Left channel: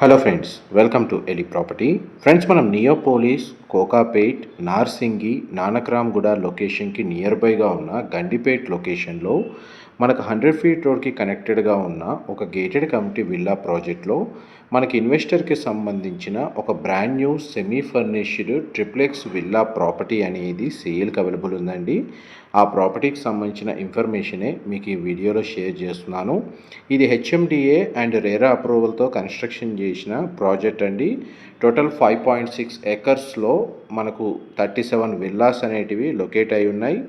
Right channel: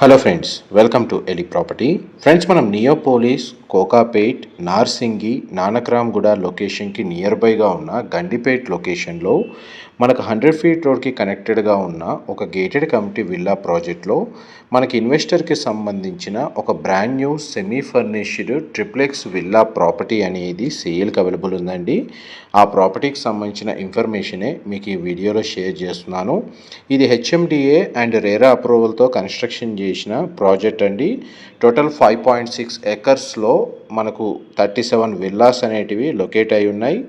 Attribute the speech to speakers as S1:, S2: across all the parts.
S1: Hello friends welcome to Eli property friends మనం నియోపోలిస్ కోకాపేట్ నార్సింగి నానక్రామ్గూడ లొకేషన్కి near బైగా ఉన్న గండిపేట్ లొకేషన్లో మనకు హండ్రెడ్ ఫీట్ రోడ్కి కనెక్టెడ్గా ఉన్న ఒక గేటెడ్ కమిటీ విల్లా ప్రాజెక్ట్లో మనకి ఇన్వెస్టర్కి సంబంధించిన ఒక brand new semi furnished triplex villa property అనేది సేల్కి అవైలబుల్ ఉందండి. ఆ ప్రాపర్టీకి సంబంధించిన ఇన్ఫర్మేషనే మీకు ఈ వీడియోలో షేర్ చేస్తున్నాను. ఇది హెచ్ఎండిఏ అండ్ రేరా అప్రూవల్తో కన్స్ట్రక్షన్ చేసిన ప్రాజెక్ట్ అండి. టోటల్ ఫైవ్ పాయింట్ సిక్స్ ఎకర్స్లో మనకు థర్టీ సెవెన్ విల్లాస్ అనేటివి లొకేట్ అయి ఉన్నాయి.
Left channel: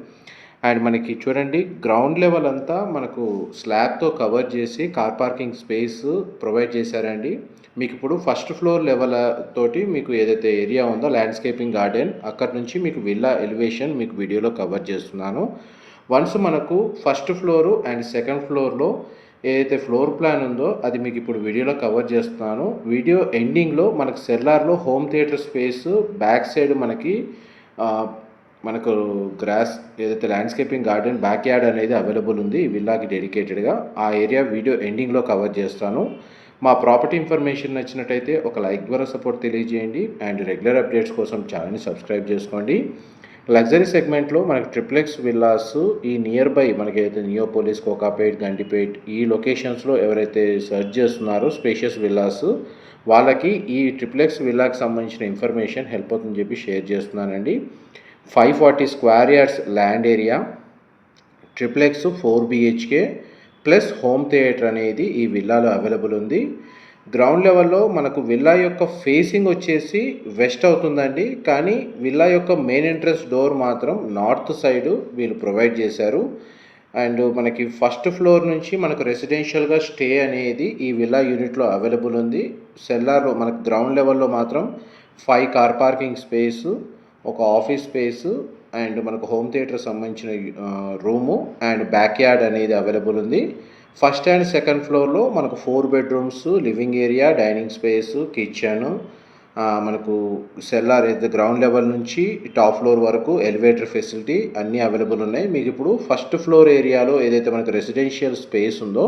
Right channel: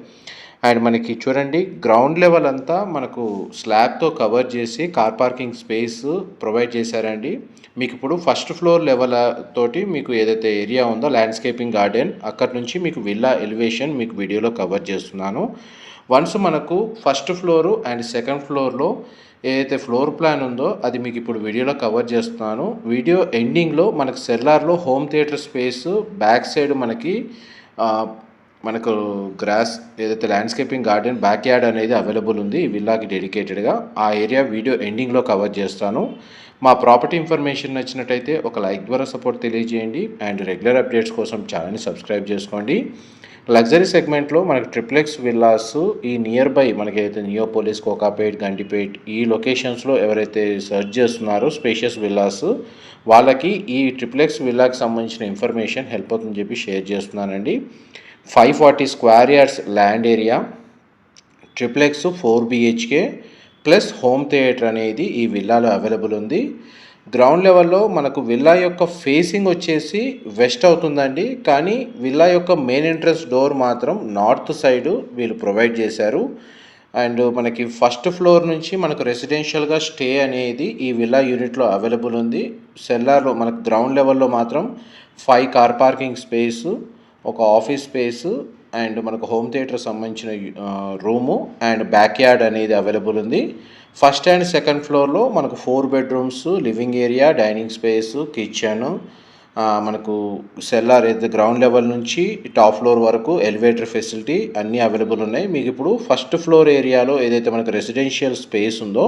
S1: అండ్ మనకి చూడండి గ్రౌండ్ లెవెల్ అంతా మనకు స్లాబ్తో కవర్ చేసి కార్ పార్కింగ్ స్పేస్ ప్రొవైడ్ చేశారండి. మీకు ఇప్పుడు ఫస్ట్ ఫ్లోర్ లెవెల్ తోటి మీకు ఏదైతే ఏరియా ఉందో ల్యాండ్స్కేపింగ్ గార్డెన్ అక్కడి నుంచి మీకు విల్లా ఎలివేషన్ మీకు వీడియోలో కవర్ చేస్తున్నాను. వన్స్ మనకు ఫస్ట్ ఫ్లోరు అండ్ సెకండ్ ఫ్లోర్లో ఏదైతే ఫ్లోర్ ప్లాన్ ఉందో అది మీకు ఇప్పుడు వీడియోలో కవర్ చేస్తున్నాను. వీడియో ఎండింగ్లో మనకు సెల్లార్లో home theatre space back side మనకి మనకు గ్రాస్ ఏదైతే ల్యాండ్స్కేపింగ్ గార్డెన్ బ్యాక్ యార్డ్ అనేది అవైలబుల్ ఉంది. విల్లాకి డెడికేటెడ్గా ఆ ఏరియా వీడియో ఎండింగ్లో కవర్ చేస్తాను. మా ప్రాపర్టీ ఇన్ఫర్మేషన్ నచ్చినట్టయితే ఒక లైక్ ద్వారా సపోర్ట్ తెలియజేయండి. అండ్ రెగ్యులర్ అప్డేట్స్ కోసం ఛానల్ని సబ్స్క్రైబ్ చేసుకోండి. లగ్జరీ సెగ్మెంట్లో మనకి ట్రిప్లెక్స్ విల్లాస్ ఈ నియర్ బై మనకైతే నియోపోలిస్ కోకాపేట్ గంటిపేట్ ఈ లొకేషన్స్లో ఎవరైతే సెర్చ్ చేస్తున్నారో స్పేషియస్ విల్లాస్ వాళ్ళకి ఈ ట్రిప్లెక్స్ విల్లాకి సంబంధించిన ఇన్ఫర్మేషన్ హెల్ప్ అవుతుందని చెప్పి షేర్ చేస్తున్నానండి. Five forty square yards land area triplex four BHK plus home theatre అనేది ఈ విల్లాలో అవైలబుల్ ఉంది. గ్రౌండ్ లెవెల్లో మనకు విల్లా యొక్క ఫేసింగ్ వచ్చేసి వెస్ట్ అవుతుందండి. కానీ విల్లా యొక్క మెయిన్ ఎంట్రన్స్ డోర్ మాత్రం నార్త్ సైడ్ వీళ్ళు ప్రొవైడ్ చేశారు. అండ్ మనకి ఫస్ట్ ఫ్లోర్ నుంచి మనకు రెసిడెన్షియల్గా స్టే అనేది ఈ విల్లా యూనిట్లో అవైలబుల్ ఉంది. సెల్లార్లో మనకు గ్రౌండ్ లెవెల్లో మాత్రం ఫైవ్ కార్ పార్కింగ్ స్పేసు ఒక ఆఫీస్ స్పేస్ అండ్ మనకు హోమ్ థియేటర్ సంబంధించిన రూము అండ్ బ్యాక్ యార్డ్ అనేది అవైలబుల్ ఉంది. ఫస్ట్ అండ్ సెకండ్ ఫ్లోర్లో మనకు four bedrooms living area dining space kitchen మనకు సెల్లార్ అయితే గ్రౌండ్ లెవెల్ నుంచి టాప్ ఫ్లోర్ వరకు ఎలివేటర్ ఫెసిలిటీ అన్నీ అవైలబుల్ ఉన్నాయి. మీకు ఇప్పుడు ఫస్ట్ ఫ్లోర్ ఏరియాలో ఏదైతే మనకు రెసిడెన్షియల్ స్పేస్ ఉందో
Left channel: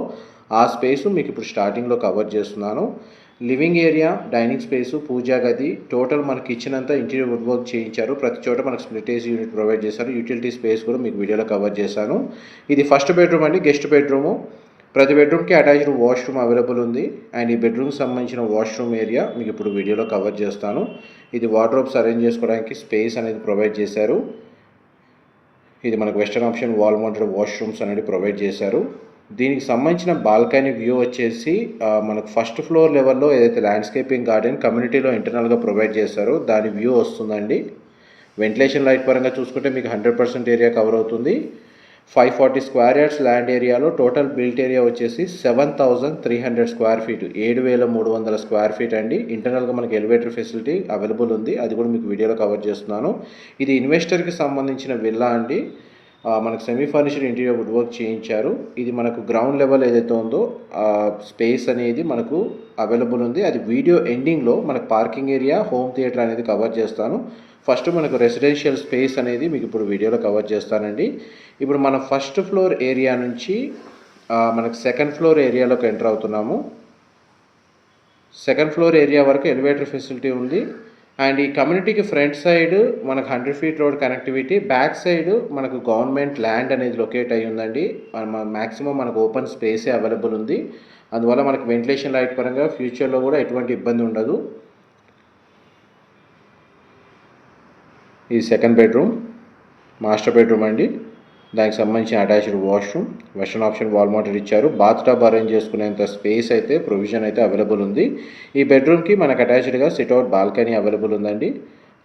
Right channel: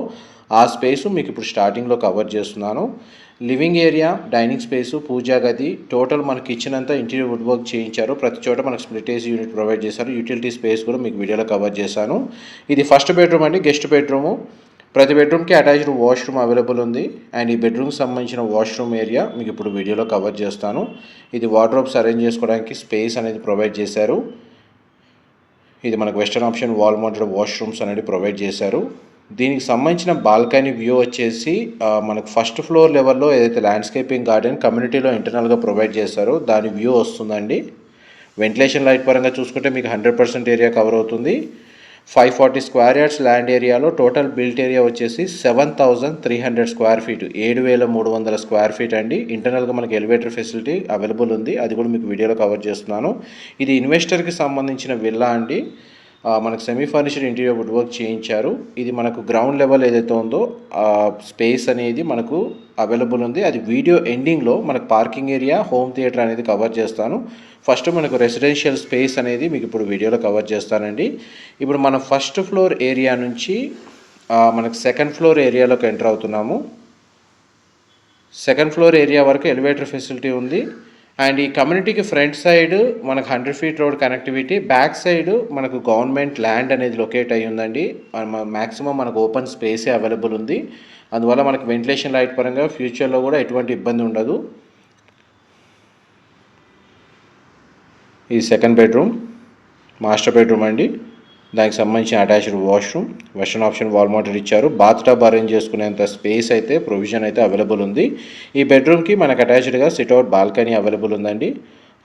S1: ఆ స్పేస్ మీకు ఇప్పుడు స్టార్టింగ్లో కవర్ చేస్తున్నాను. లివింగ్ ఏరియా డైనింగ్ స్పేసు పూజా గది టోటల్ మనకి ఇచ్చినంత ఇంటీరియర్ వుడ్ వర్క్ చేయించారు. ప్రతి చోట మనకు స్ప్లిట్ ఏసీ యూనిట్ ప్రొవైడ్ చేశారు. యూటిలిటీ స్పేస్ కూడా మీకు వీడియోలో కవర్ చేశాను. ఇది ఫస్ట్ బెడ్రూమ్ అండి గెస్ట్ బెడ్రూము. ప్రతి బెడ్రూమ్కి అటాచ్డ్ వాష్రూమ్ అవైలబుల్ ఉంది. అండ్ ఈ బెడ్రూమ్కి సంబంధించిన వాష్రూమ్ ఏరియా మీకు ఇప్పుడు వీడియోలో కవర్ చేస్తాను. ఇది వార్డ్రోబ్స్ అరేంజ్ చేసుకోవడానికి స్పేస్ అనేది ప్రొవైడ్ చేశారు. ఇది మనకు western option wall mounted washrooms అనేది ప్రొవైడ్ చేశారు. దీనికి సంబంధించిన బాల్కనీ వ్యూ వచ్చేసి మనకు ఫస్ట్ ఫ్లోర్ లెవెల్లో ఏదైతే ల్యాండ్స్కేపింగ్ గార్డెన్ కమ్యూనిటీలో ఇంటర్నల్గా ప్రొవైడ్ చేశారో దాని వ్యూ వస్తుందండి. వెంటిలేషన్ లైట్ పరంగా చూసుకుంటే మీకు హండ్రెడ్ పర్సెంట్ ఏరియా కవర్ అవుతుంది. Five forty square yards land ఏరియాలో టోటల్ బిల్ట్ ఏరియా వచ్చేసి seven thousand three hundred square feet ఏడు వేల మూడు వందల స్క్వేర్ ఫీట్ అండి. ఇంటర్నల్గా మనకి ఎలివేటర్ ఫెసిలిటీ అవైలబుల్ ఉంది. అది కూడా మీకు వీడియోలో కవర్ చేస్తున్నాను. ఇది ఇన్వెస్టర్కి సంబంధించిన విల్లా అండి. మనకు semi furniture interior wood work చేయించారు. ఇది మనకు గ్రౌండ్ లెవెల్ ఏదైతే ఉందో స్పేస్ అనేది మనకు అవైలబుల్ ఉంది. అది వీడియో ఎండింగ్లో మనకు పార్కింగ్ ఏరియా హోమ్ థియేటర్ అనేది కవర్ చేస్తాను. ఫస్ట్ మనకు రెసిడెన్షియల్ స్పేస్ అనేది మీకు ఇప్పుడు వీడియోలో కవర్ చేస్తానండి. ఇప్పుడు మనం ఫస్ట్ ఫ్లోర్ ఏరియా నుంచి మనకు సెకండ్ ఫ్లోర్ ఏరియాలోకి ఎంటర్ అవుతున్నాము. సెకండ్ ఫ్లోర్ ఏరియా వరకు ఎలివేటర్ ఫెసిలిటీ ఉంది. అండ్ ఈ కమ్యూనిటీకి ఫ్రంట్ సైడ్ మనకు hundred feet road connectivity back side మనకు గవర్నమెంట్ ల్యాండ్ అనేది లొకేట్ అయ్యి ఉందండి. మ్యాక్సిమం మనకు ఓపెన్ స్పేసే అవైలబుల్ ఉంది. అందువల్ల మనకు వెంటిలేషన్ లైట్ పరంగా ఫ్యూచర్లో కూడా ఎటువంటి ఇబ్బంది ఉండదు. ఈ సెకండ్ బెడ్రూమ్ మాస్టర్ బెడ్రూమ్ అండి. దానికి సంబంధించిన attached washroom western option wall motor ఇచ్చారు. బాత్ టబ్ అరేంజ్ చేసుకునేంత స్పేస్ అయితే ప్రొవిజన్ అయితే అవైలబుల్ ఉంది. ఈ బెడ్రూమ్కి మనకు అటాచ్డ్గా సిట్అవుట్ బాల్కనీ అవైలబుల్ ఉందండి.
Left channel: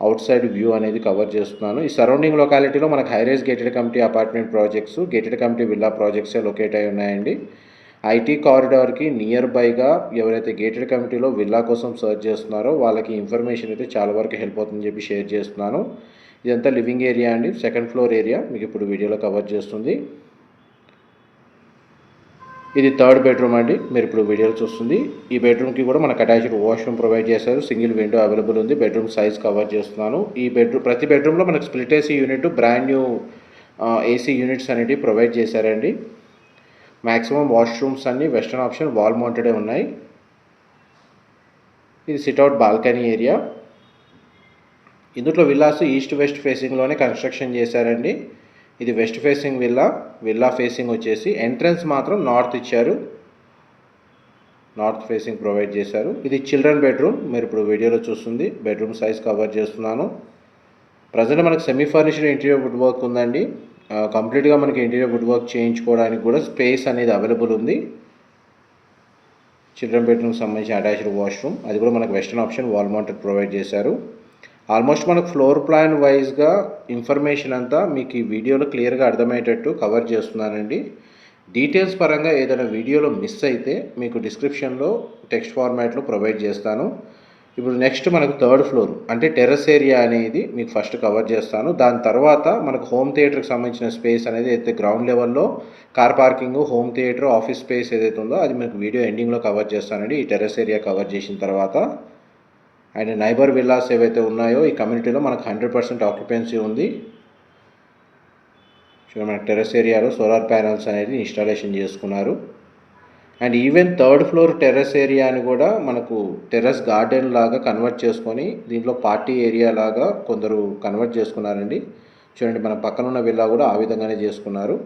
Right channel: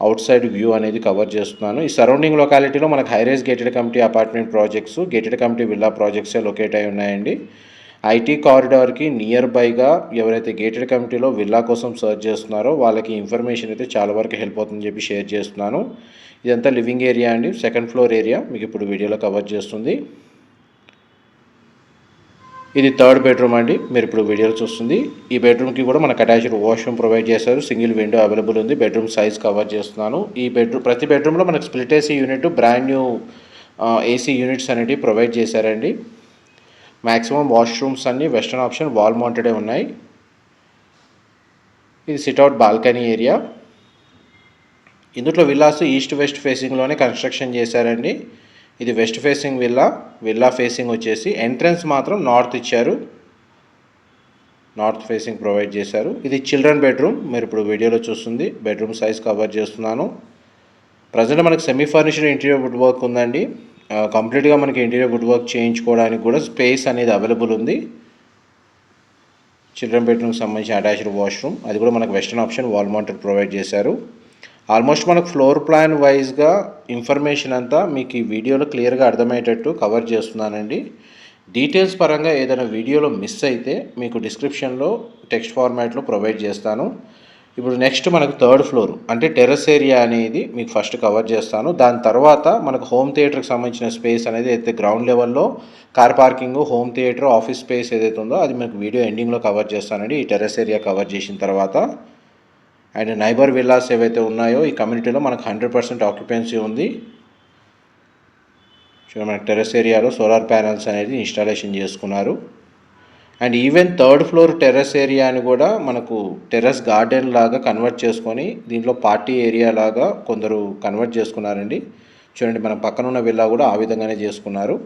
S1: అవుట్ సైడ్ వ్యూ అనేది కవర్ చేస్తున్నాను. ఈ సరౌండింగ్ లొకాలిటీలో మనకు high rise gated community apartment projects gated community villa ప్రాజెక్ట్సే locate అయి ఉన్నాయండి. ఐటీ కారిడార్కి నియర్ బైగా ఎవరైతే గేటెడ్ కమిటీలో విల్లా కోసం సర్చ్ చేస్తున్నారో వాళ్ళకి ఇన్ఫర్మేషన్ అయితే చాలా వరకు హెల్ప్ అవుతుందని చెప్పి షేర్ చేస్తున్నాను. ఇదంతా లివింగ్ ఏరియా అండి. Second floor area. మీకు ఇప్పుడు వీడియోలో కవర్ చేస్తుంది. ఇది థర్డ్ బెడ్రూమ్ అండి. మీరు ఇప్పుడు వీడియోలో చూస్తుంది. ఈ బెడ్రూమ్కి కూడా మనకు అటాచ్డ్ వాష్రూమ్ ప్రొవైడ్ చేశారు. సింగిల్ విండో అవైలబుల్ ఉంది. బెడ్రూమ్ సైజ్ కవర్ చేస్తున్నాను. ఈ బెడ్రూమ్ ప్రతి బెడ్రూమ్లో మనకు split AC unit brand new AC units అనేవి ప్రొవైడ్ చేశారండి. మ్యాక్సిమం వాష్రూమ్స్ అన్నీ వెస్టర్న్ ఆప్షన్ వాల్ మౌంటెడే ఉన్నాయి. ఇది సిట్అవుట్ బాల్కనీ ఏరియా. ఇందులో విల్లాస్ ఈస్ట్ వెస్ట్ ఫేసింగ్లోనే కన్స్ట్రక్షన్ చేశారండి. ఇది west facing villa villa facing వచ్చేసి ఎంట్రన్స్ మాత్రం నార్త్ ఇచ్చారు. నార్త్ ఫేసింగ్ ప్రొవైడ్ చేశారు. ఇది చిల్డ్రన్ బెడ్రూమ్ మీరు ఇప్పుడు వీడియోలో చూస్తుంది. బెడ్రూమ్ సైజ్ కవర్ చేస్తున్నాను. ప్రజెంట్ మనకు semi furnished interior wood work ఉందండి. కంప్లీట్గా మనకి ఇంటీరియర్ వుడ్ వర్క్ చేయించుకోవడానికి కూడా స్పేస్ అనేది అవైలబుల్ ఉంది. చిల్డ్రన్ బెడ్రూమ్కి సంబంధించిన అటాచ్డ్ వాష్రూమ్ అది కూడా మనకు western option wall mounted provide చేశారు. ఆల్మోస్ట్ మనకు ఫ్లోర్ ప్లాన్ వైజ్గా ఇన్ఫర్మేషన్ అంతా మీకు ఈ వీడియోలో క్లియర్గా అర్థమయ్యేటట్టు కవర్ చేస్తున్నానండి. డీటెయిల్స్ పరంగా ఏదైనా వీడియోలో మిస్ అయితే మీకు డిస్క్రిప్షన్లో టెక్స్ట్ ఫార్మాట్లో ప్రొవైడ్ చేస్తాను. ఇప్పుడు నెక్స్ట్ మనకు థర్డ్ ఫ్లోర్ అంటే టెర్రస్ ఏరియా అనేది మీకు ఫస్ట్ కవర్ చేస్తాను. దాని తర్వాత మనకు హోమ్ థియేటర్కి సంబంధించిన స్పేస్ అనేది అయితే గ్రౌండ్ లెవెల్లో car parking home theatre office space ఏదైతే ఉందో అది మీకు వీడియో ఎండింగ్లో కవర్ చేస్తానండి. ఈ టెర్రస్ ఏరియా కవర్ చేసిన తర్వాత. అండ్ నైబర్ విల్లాస్ ఏవైతే ఉన్నాయో ఈ కమ్యూనిటీలో మనకు హండ్రెడ్ పర్సెంట్ ఆక్యుపెన్సీ ఉంది. చూడండి మనకి టెర్రస్ ఏరియాలో సోలార్ ప్యానల్స్ అనేది ఇన్స్టాలేషన్ చేసుకున్నారు. And even third floor terrace ఏరియాని కూడా మనకు టెర్రస్ గార్డెన్ లాగా కన్వర్ట్ చేసుకొని దీంట్లో పార్టీ ఏరియా లాగా కొందరు కన్వర్ట్ చేసుకున్నారండి. చూడండి మన పక్కన ఉన్న విల్లా కూడా ఆ విధంగానే చేసుకున్నారు.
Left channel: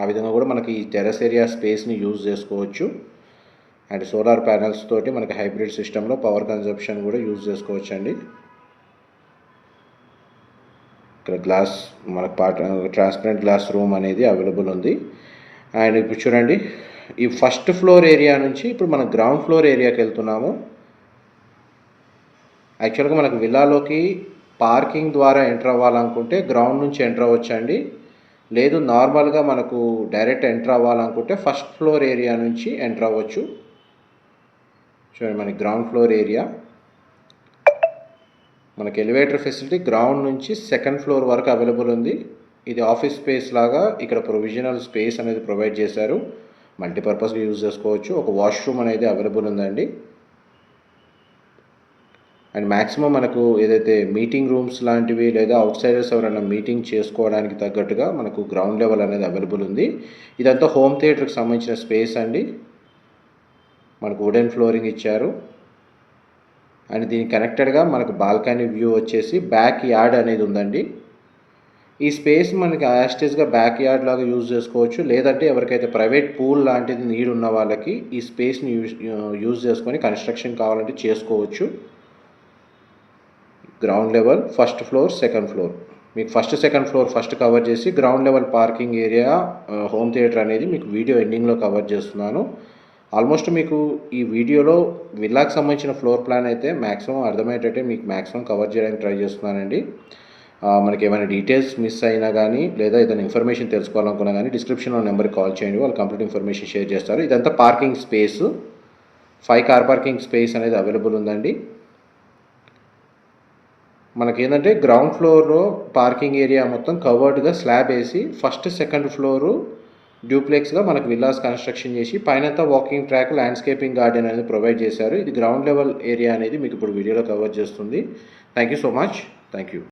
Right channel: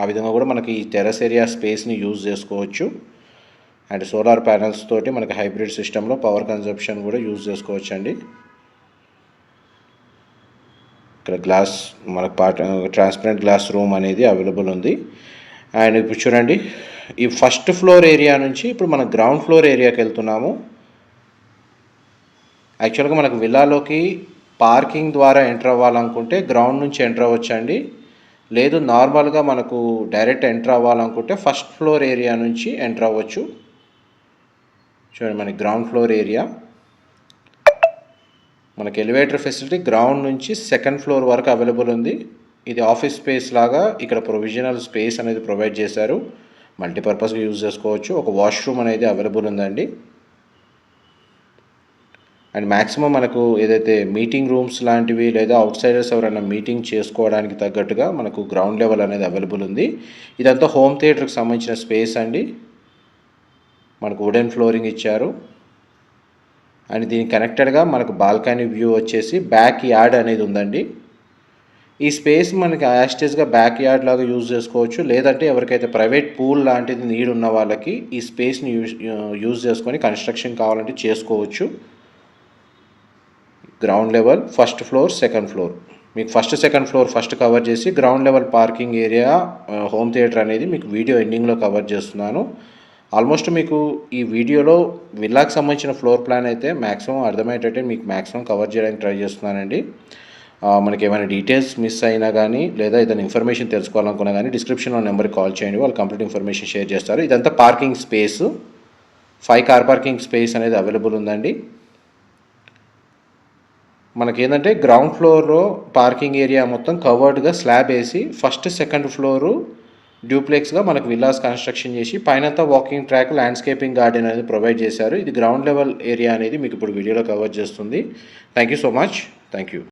S1: ఆ విధంగా కూడా మనకి ఈ టెర్రస్ ఏరియా స్పేస్ని యూజ్ చేసుకోవచ్చు. అండ్ సోలార్ ప్యానల్స్ తోటి మనకి హైబ్రిడ్ సిస్టంలో పవర్ కన్జంప్షన్ కూడా యూజ్ చేసుకోవచ్చు అండి ఇక్కడ గ్లాస్ మనకు పార్ట్ ట్రాన్స్పరెంట్ గ్లాస్ రూమ్ అనేది అవైలబుల్ ఉంది. అండ్ ఇప్పుడు చూడండి ఈ ఫస్ట్ ఫ్లోర్ ఏరియా నుంచి ఇప్పుడు మనం గ్రౌండ్ ఫ్లోర్ ఏరియాకి వెళ్తున్నాము. యాక్చువల్గా మనకు విల్లాలోకి పార్కింగ్ ద్వారా ఎంటర్ అవ్వాలనుకుంటే గ్రౌండ్ నుంచి ఎంటర్ అవ్వచ్చండి. లేదు నార్మల్గా మనకు డైరెక్ట్ ఎంటర్ అవ్వాలనుకుంటే ఫస్ట్ ఫ్లోర్ ఏరియా నుంచి ఎంటర్ అవ్వచ్చు. చూడండి మనకి గ్రౌండ్ ఫ్లోర్ ఏరియా. మనకి ఎలివేటర్ ఫెసిలిటీ గ్రౌండ్ నుంచి సెకండ్ ఫ్లోర్ వరకు అవైలబుల్ ఉంది. ఇది ఆఫీస్ స్పేస్ లాగా ఇక్కడ ప్రొవిజనల్ స్పేస్ అనేది ప్రొవైడ్ చేశారు. మల్టీపర్పస్గా యూజ్ చేసుకోవచ్చు. ఒక వాష్రూమ్ అనేది అవైలబుల్ ఉందండి. అండ్ మ్యాక్సిమం మనకు ఏదైతే మీటింగ్ రూమ్స్ లాంటివి లేదా అవుట్ సైడర్స్ ఎవరైనా మీటింగ్ చేసుకోవడానికి తగ్గట్టుగా మనకు గ్రౌండ్ లెవెల్ అనేది అవైలబుల్ ఉంది. ఇదంతా హోమ్ థియేటర్కి సంబంధించిన స్పేస్ అండి. మనకు వుడెన్ ఫ్లోరింగ్ ఇచ్చారు. అండ్ దీనికి కనెక్టెడ్గా మనకు బాల్కనీ వ్యూ వచ్చేసి బ్యాక్ యార్డ్ అనేది ఉందండి. ఈ స్పేస్ మనకి యాస్టేజ్గా బ్యాక్ యార్డ్ లాగా యూజ్ చేసుకోవచ్చు. లేదంటే ఎవరికైతే ప్రైవేట్ పూల్ లాంటిది నీడ్ ఉన్న వాళ్ళకి ఈ స్పేస్ని యూజ్ యూజ్ చేసుకొని కన్స్ట్రక్షన్ కావాలంటే చేసుకోవచ్చు. Ground level first floor second floor. మీకు first second floor first cover చేసి ground level parking area home theatre అనేది మీకు వీడియో ఎండింగ్లో కవర్ చేస్తున్నాను. ఆల్మోస్ట్ మీకు ఈ వీడియోలో విల్లాకి సంబంధించిన ఫ్లోర్ ప్లాన్ అయితే మ్యాక్సిమం అర్థమయ్యేటట్టే మీకు మ్యాక్సిమం కవర్ చేయడానికి ట్రై చేస్తున్నానండి. మనకి ఏమైనా డీటెయిల్స్ మిస్ అయినా కానీ లేదా ఏదైనా ఇన్ఫర్మేషన్ తెలుసుకోవాలనుకున్నా కానీ డిస్క్రిప్షన్లో నెంబర్కి కాల్ చేయండి. వాళ్ళు కంప్లీట్ ఇన్ఫర్మేషన్ షేర్ చేస్తారు. ఇదంతా parking space five car parking space అనేది అవైలబుల్ ఉందండి. మనకి ఏంటంటే గ్రౌండ్ ఫ్లోర్లో పార్కింగ్ ఏరియా మొత్తం కవర్డ్గా స్లాబ్ వేసి ఫస్ట్ సెకండ్ ఫ్లోరు డ్యూప్లెక్స్గా మనకు విల్లాస్ కన్స్ట్రక్షన్ చేసి పైనంతా వాకింగ్ ట్రాక్ ల్యాండ్స్కేపింగ్ గార్డెన్ అనేది ప్రొవైడ్ చేశారు. ఇది గ్రౌండ్ లెవెల్ ఏరియా అనేది మీకు ఇప్పుడు వీడియోలో కవర్ చేస్తుంది. Thank you so much thank you